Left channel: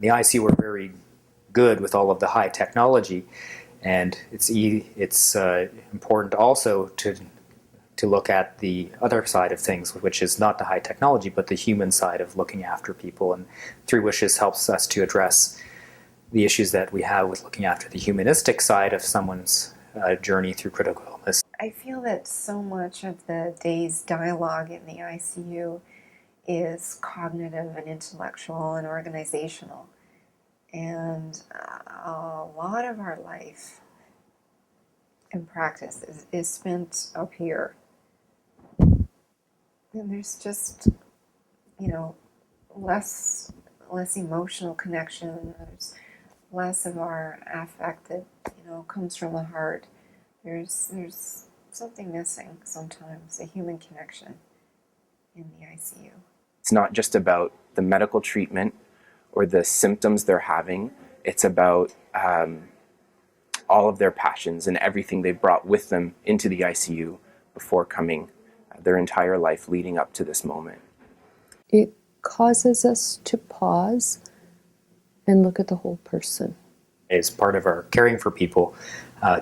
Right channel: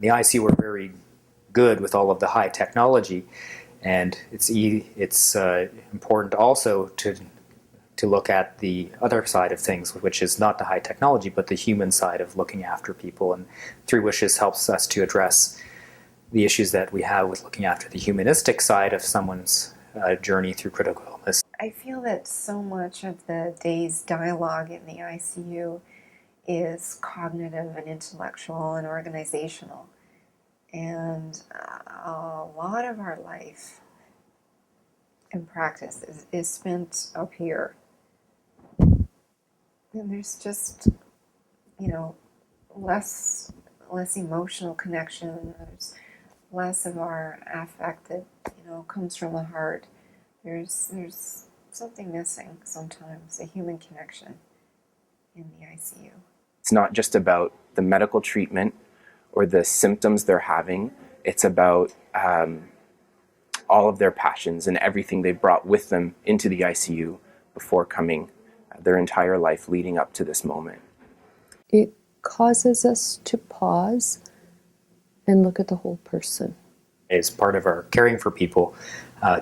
The ICU were very good with all of the high technology, and it's important also to look at the other side of things, which is not the high technology, but the human side of looking after people. And Three Wishes helps us to address the issues that we have with looking after the humanistic side of someone's journey through critical illness. I feel that so much of the day's dialogue in the ICU is cognitive and intellectual and organizational. And a lot of our life and practice is spent up here. And there's just, less emotional connection. There's less of our affect that, comes from the heart. There's something missing sometimes, a human connection in the ICU. It's not just about the medical treatment or the symptoms they're having. It's about all of their passions and everything they brought with them into the ICU before coming, their entire life leading up to this moment. It causes us to pause and look at the whole person. It's part of our caring for people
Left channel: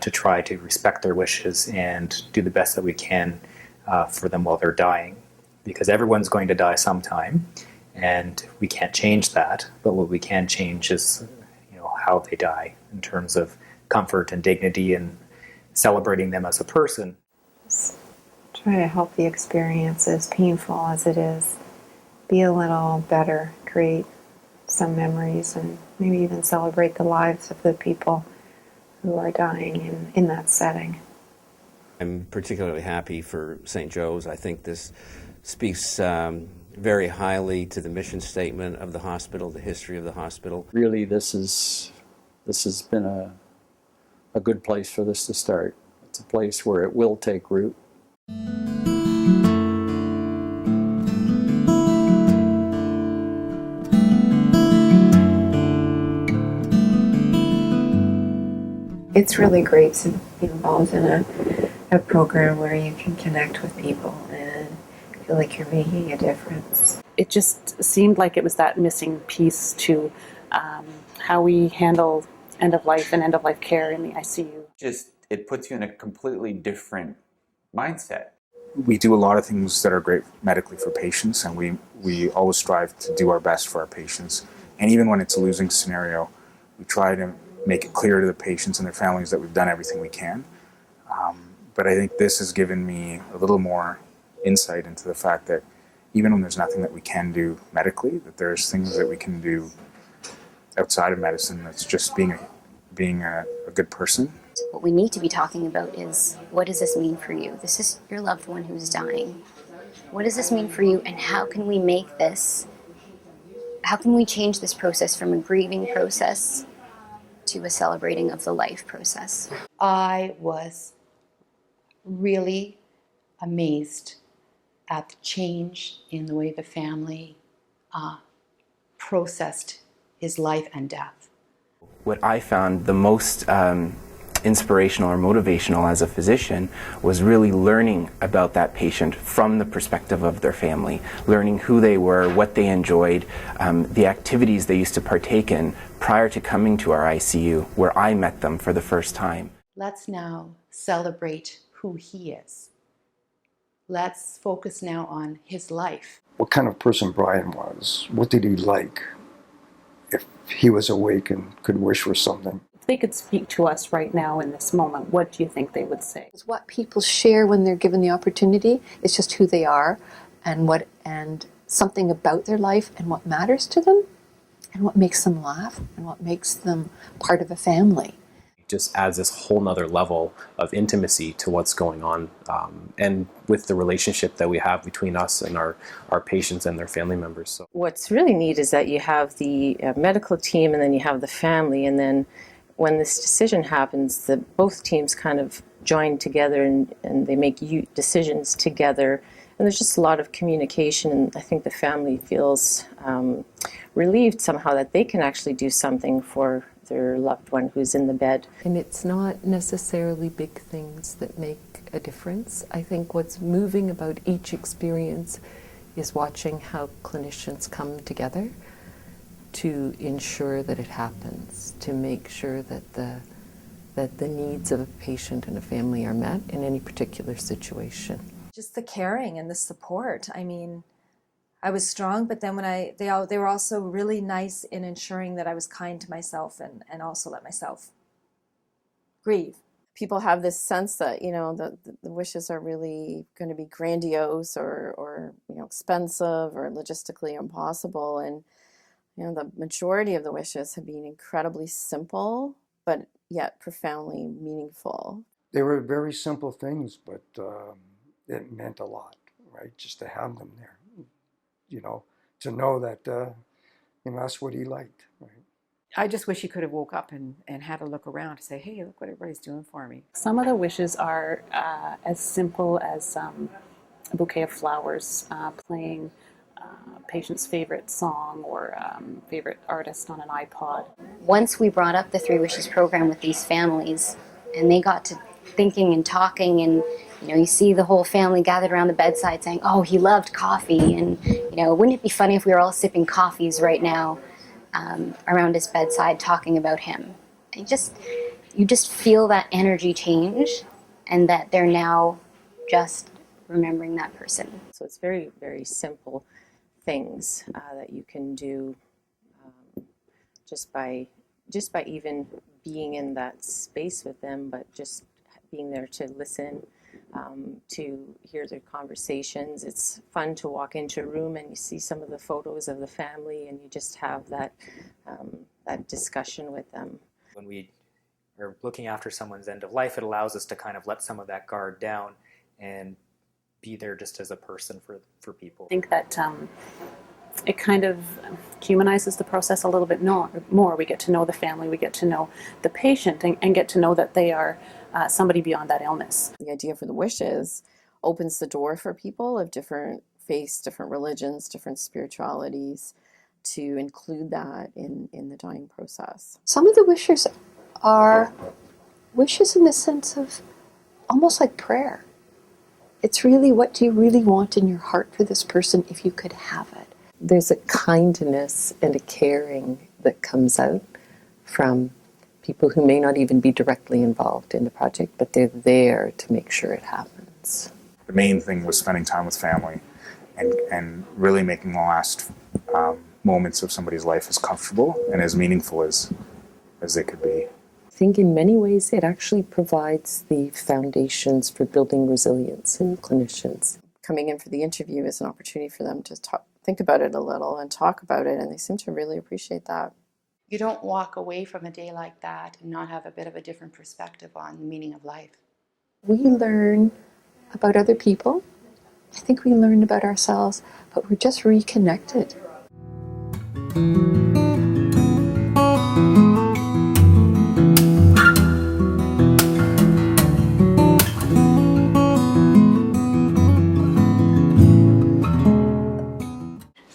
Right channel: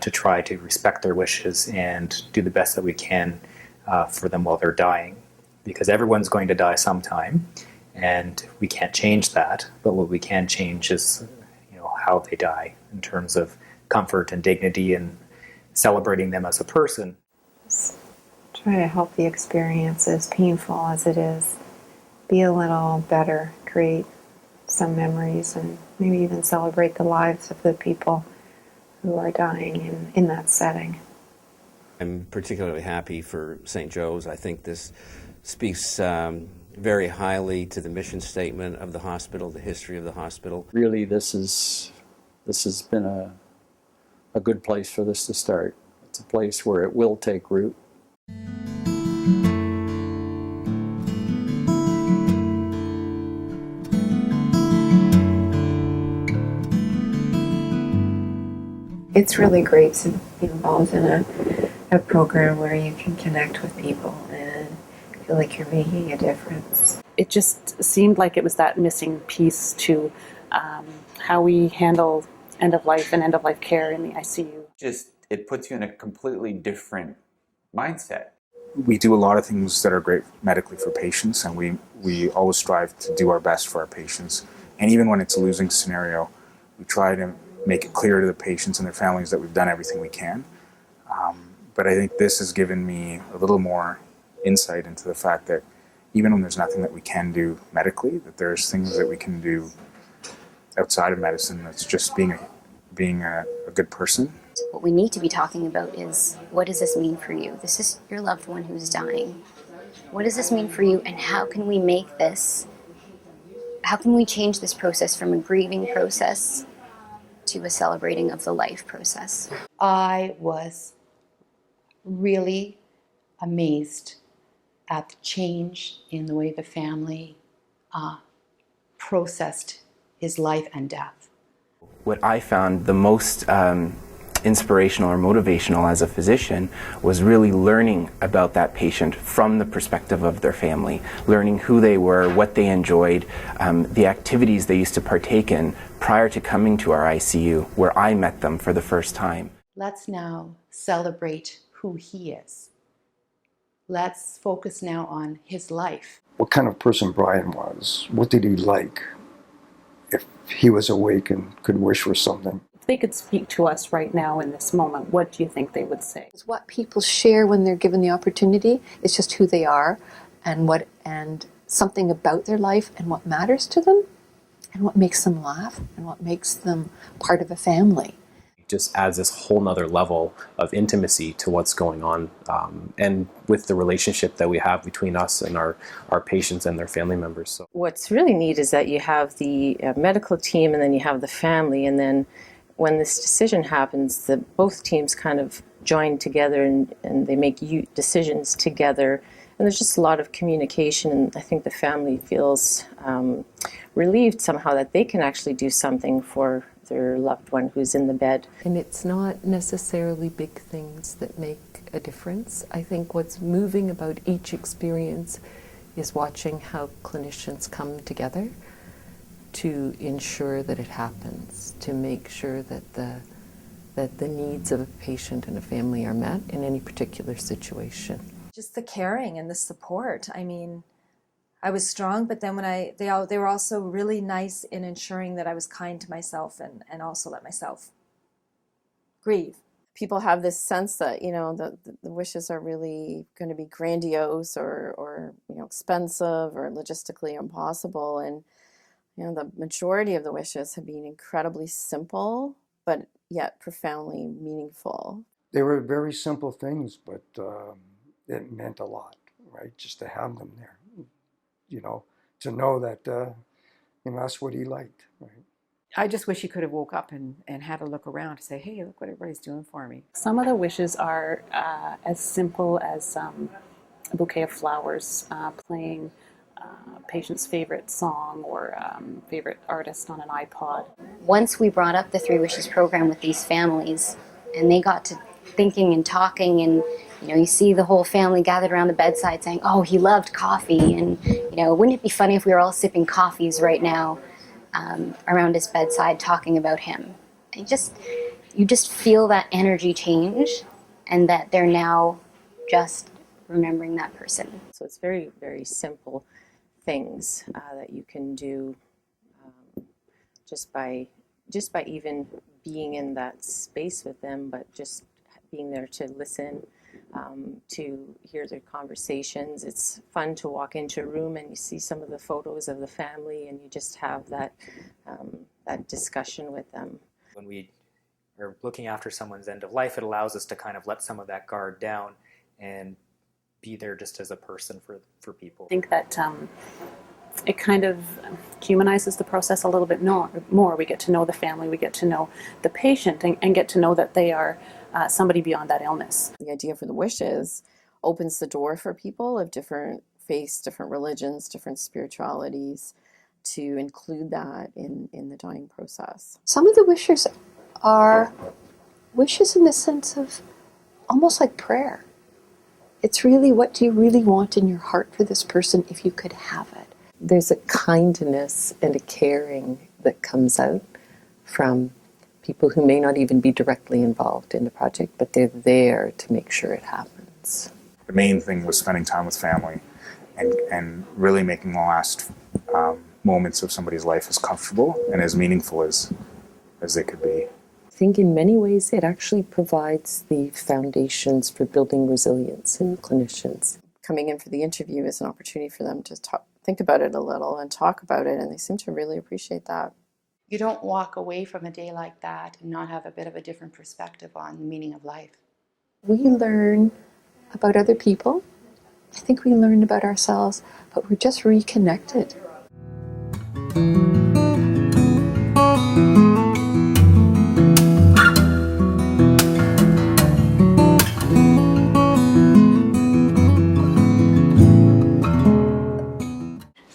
to try to respect their wishes and do the best that we can for them while they're dying. Because everyone's going to die sometime, and we can't change that. But what we can change is, how they die in terms of comfort and dignity and celebrating them as a person. Just try to help the experience, as painful as it is, be a little better, create some memories, and maybe even celebrate the lives of the people who are dying in that setting. I'm particularly happy for St. Joe's. I think this speaks very highly to the mission statement of the hospital, the history of the hospital. Really, this has been a good place for this to start. It's a place where it will take root. It's really great to be involved in a program where you can connect with people and feel like you're making a difference. It just seemed like it was that missing piece to how we handle end-of-life and end-of-life care in the ICU. It puts you in a completely different mindset. We do a lot of things that are great medically for patients, and we always strive to do our best for our patients. And even when it's a losing scenario, we try to make it clear to the patients and their families that we've done everything we can. But I think this has given me a little more insight into the fact that even when there's nothing that we can do medically, that there's things that we can do outside of medicine. That's just being a good person. What we need to be talking about is, what does this mean for you? This is your loved one who's dying. What does this mean for you, and how can we change this process from a grieving process to a celebrating of the life process? I was really amazed at the change in the way the family processed his life and death. What I found the most inspirational or motivational as a physician was really learning about that patient from the perspective of their family, learning who they were, what they enjoyed, the activities they used to partake in prior to coming to our ICU, where I met them for the first time. Let's now celebrate who he is. Let's focus now on his life. What kind of person Brian was? What did he like? If he was awake and could wish for something. If they could speak to us right now in this moment, what do you think they would say? It's what people share when they're given the opportunity. It's just who they are and something about their life and what matters to them and what makes them laugh and what makes them part of a family. Just adds this whole nother level of intimacy to what's going on, and with the relationship that we have between us and our patients and their family members. So what's really neat is that you have the medical team and then you have the family, and then when this decision happens, both teams kind of join together and they make decisions together, and there's just a lot of communication. I think the family feels relieved somehow that they can actually do something for their loved one who's in the bed. And it's not necessarily big things that make a difference. I think what's moving about each experience is watching how clinicians come together to ensure that it happens, to make sure that the needs of a patient and a family are met in any particular situation. Just the caring and the support. I mean, I was strong, but then when they were also really nice in ensuring that I was kind to myself and also let myself grieve. People have this sense that, you know, the wishes are really going to be grandiose or you know, expensive or logistically impossible. And, you know, the majority of the wishes have been incredibly simple, but yet profoundly meaningful. They were very simple things, but it meant a lot, right? Just to have them there, you know, to know that, you know, that's what he liked, right? I just wish he could have woke up and had a look around to say, hey, look what everybody's doing for me. Some of the wishes are as simple as a bouquet of flowers, playing a patient's favorite song or favorite artist on an iPod. Once we brought up the Three Wishes program with these families, and they got to thinking and talking, and you know, you see the whole family gathered around the bedside saying, oh, he loved coffee, and you know, wouldn't it be funny if we were all sipping coffees right now around his bedside talking about him. You just feel that energy change, and that they're now just remembering that person. So it's very, very simple things that you can do just by even being in that space with them, but just being there to listen, to hear their conversations. It's fun to walk into a room and you see some of the photos of the family and you just have that discussion with them. When we are looking after someone's end of life, it allows us to kind of let some of that guard down and be there just as a person for people. I think that it kind of humanizes the process a little bit more. We get to know the family, we get to know the patient, and get to know that they are somebody beyond that illness. The idea for the wishes opens the door for people of different faiths, different religions, different spiritualities to include that in the dying process. Some of the wishes are wishes in the sense of almost like prayer. It's really, what do you really want in your heart for this person if you could have it? There's a kindness and a caring that comes out from people who may not even be directly involved in the project, but they're there to make sure it happens. The main thing was spending time with family and really making the last moments of somebody's life as comfortable and as meaningful as they could be. I think in many ways it actually provides the foundations for building resilience in clinicians. Coming in for the interview is an opportunity for them to think about it a little and talk about it, and they seem to really appreciate that. You don't walk away from a day like that and not have a bit of a different perspective on the meaning of life. We learn about other people. I think we learn about ourselves, but we're just reconnected.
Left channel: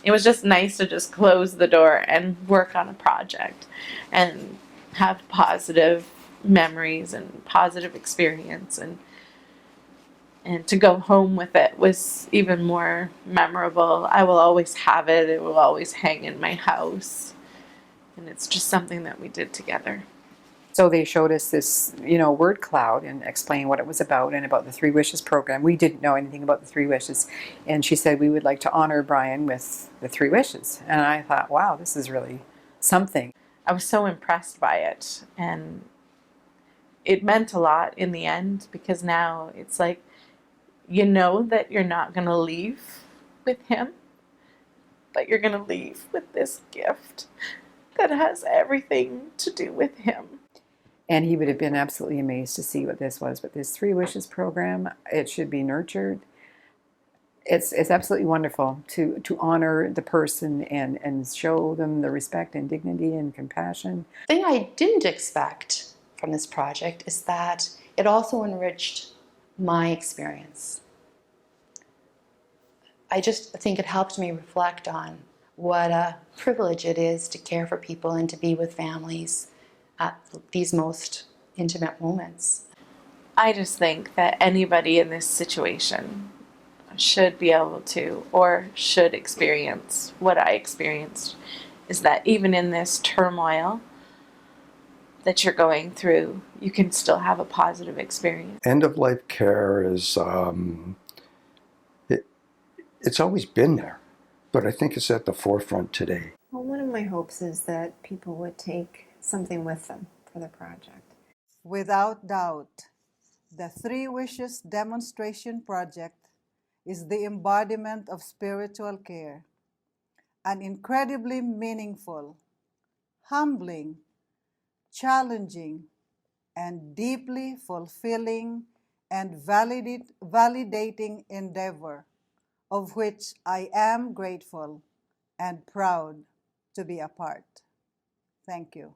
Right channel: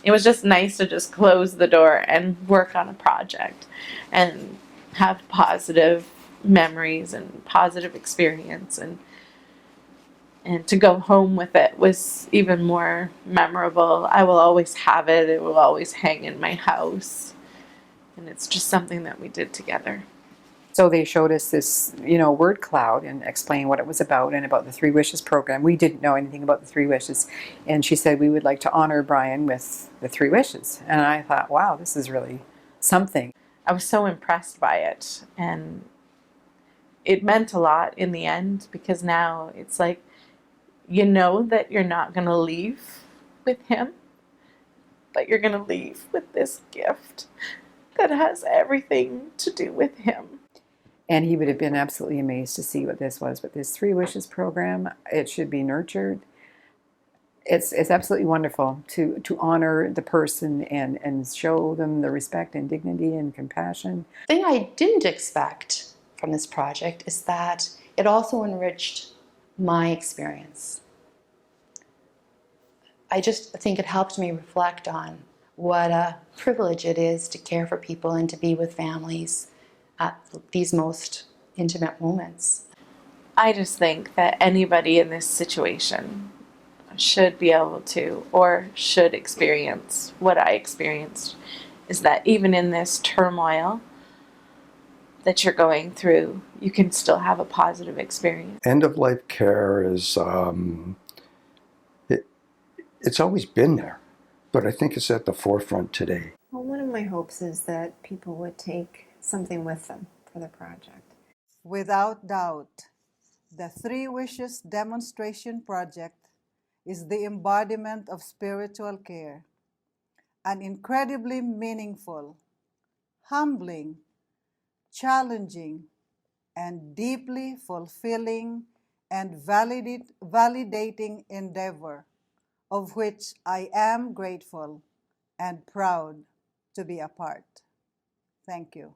It was just nice to just close the door and work on a project and have positive memories and positive experience, and to go home with it was even more memorable. I will always have it. It will always hang in my house, and it's just something that we did together. So they showed us this, word cloud and explained what it was about and about the Three Wishes program. We didn't know anything about the Three Wishes. And she said, we would like to honor Brian with the Three Wishes. And I thought, wow, this is really something. I was so impressed by it, and it meant a lot in the end, because now it's like, you know that you're not going to leave with him, but you're going to leave with this gift that has everything to do with him. And he would have been absolutely amazed to see what this was. But this Three Wishes program, it should be nurtured. It's absolutely wonderful to honor the person and show them the respect and dignity and compassion. The thing I didn't expect from this project is that it also enriched my experience. I just think it helped me reflect on what a privilege it is to care for people and to be with families at these most intimate moments. I just think that anybody in this situation should be able to, or should experience what I experienced, is that even in this turmoil that you're going through, you can still have a positive experience. End of life care is, it's always been there, but I think it's at the forefront today. Well, one of my hopes is that people would take something with them for the project. Without doubt, the Three Wishes demonstration project is the embodiment of spiritual care, an incredibly meaningful, humbling, challenging, and deeply fulfilling and validating endeavor, of which I am grateful and proud to be a part. Thank you.